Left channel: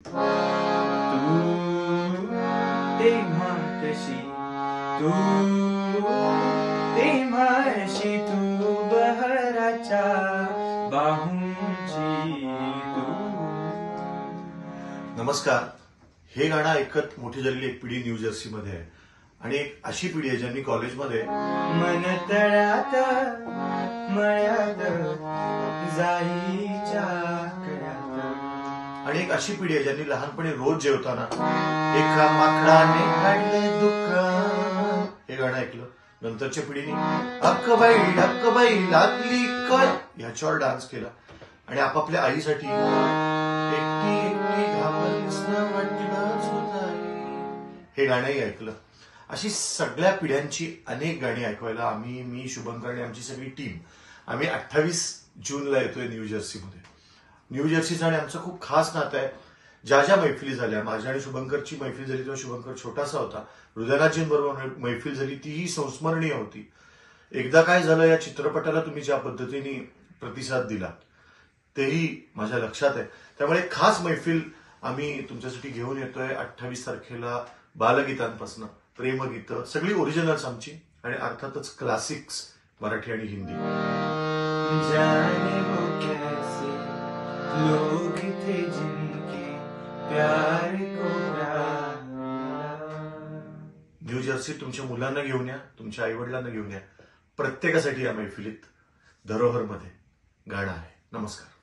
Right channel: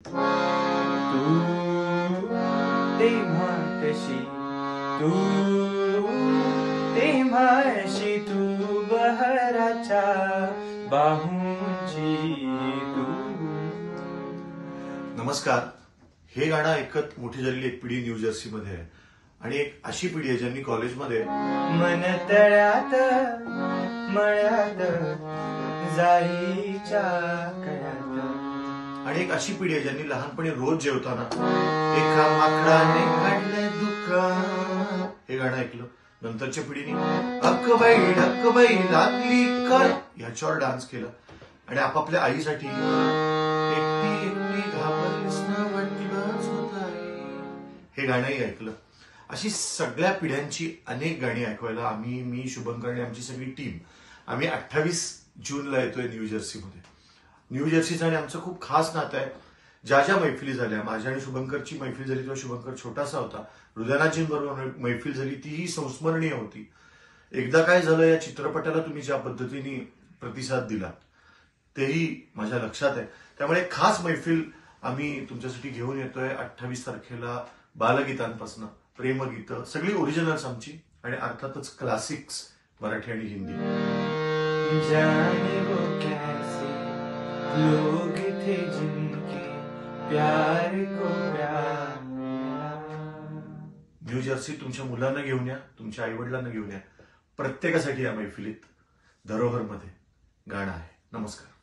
तू तेव्हा कशी तू तेव्हा अशी तू बहराच्या बाहूंची तू. नमस्कार. हे गाणं ऐकत मोठी झालेली एक पिढी न्यू जर्सी मध्ये आहे आणि एक अशी पिढी आहे ज्यांनी कॉलेजमध्ये मन तळ्यात मळ्यात जाईच्या कळ्यात आणि एक अशी पिढी आहे ज्यांनी लहानपणी रोज जेवताना एका माकडाने काढलंय दुकान हे गाणं ऐकलं. नंतरच्या पिढीने अक्कबाई लागली काय ह्याच्यावर डान्स केला आणि आपापल्या आईसाठी एकटी एकटी घाबरलीस ना वाटलंच होत आहे हे गाणंही ऐकलं. अशी सगळ्या पिढ्यांची अनेक गाणी ऐकवायला मी शुभंकर आणि आमची सगळी टीम आम्ही 28 जूनला येतोय न्यू जर्सीमध्ये. न्यू जर्सीचं आणि आमचं खूप खास नातं आहे. ज्या ज्या मैफिली झाल्या, माझ्या आणि शुभंकरची मैफिल झाली तेव्हा शुभंकर छोटासा होता, हृदयनाथजींबरोबर मैफिल झाली तीही संस्मरणीय होती. एकदा काय झालं या चित्रपटाला तुम्ही ज्या पद्धतीने प्रतिसाद दिलात तेही माझ्या लक्षात आहे. त्यामुळे खास मैफिल आम्ही तुमच्यासाठी घेऊन येतोय 28 तारखेला. बालगीतांपासून प्रेमगीतं सगळी ओरिजिनल्स आमची आणि अर्थातच क्लासिक्स मराठी आणि हिंदी. जाने वो कैसे लोग थे जिनके प्यार को प्यार मिला. न्यू जर्सी तुमच्या मुलांना घेऊन या, तुमच्या आईवडिलांना घेऊन या. प्रत्येकासाठी या मैफिलीत धरोहरमध्ये गाणं आहे. नमस्कार.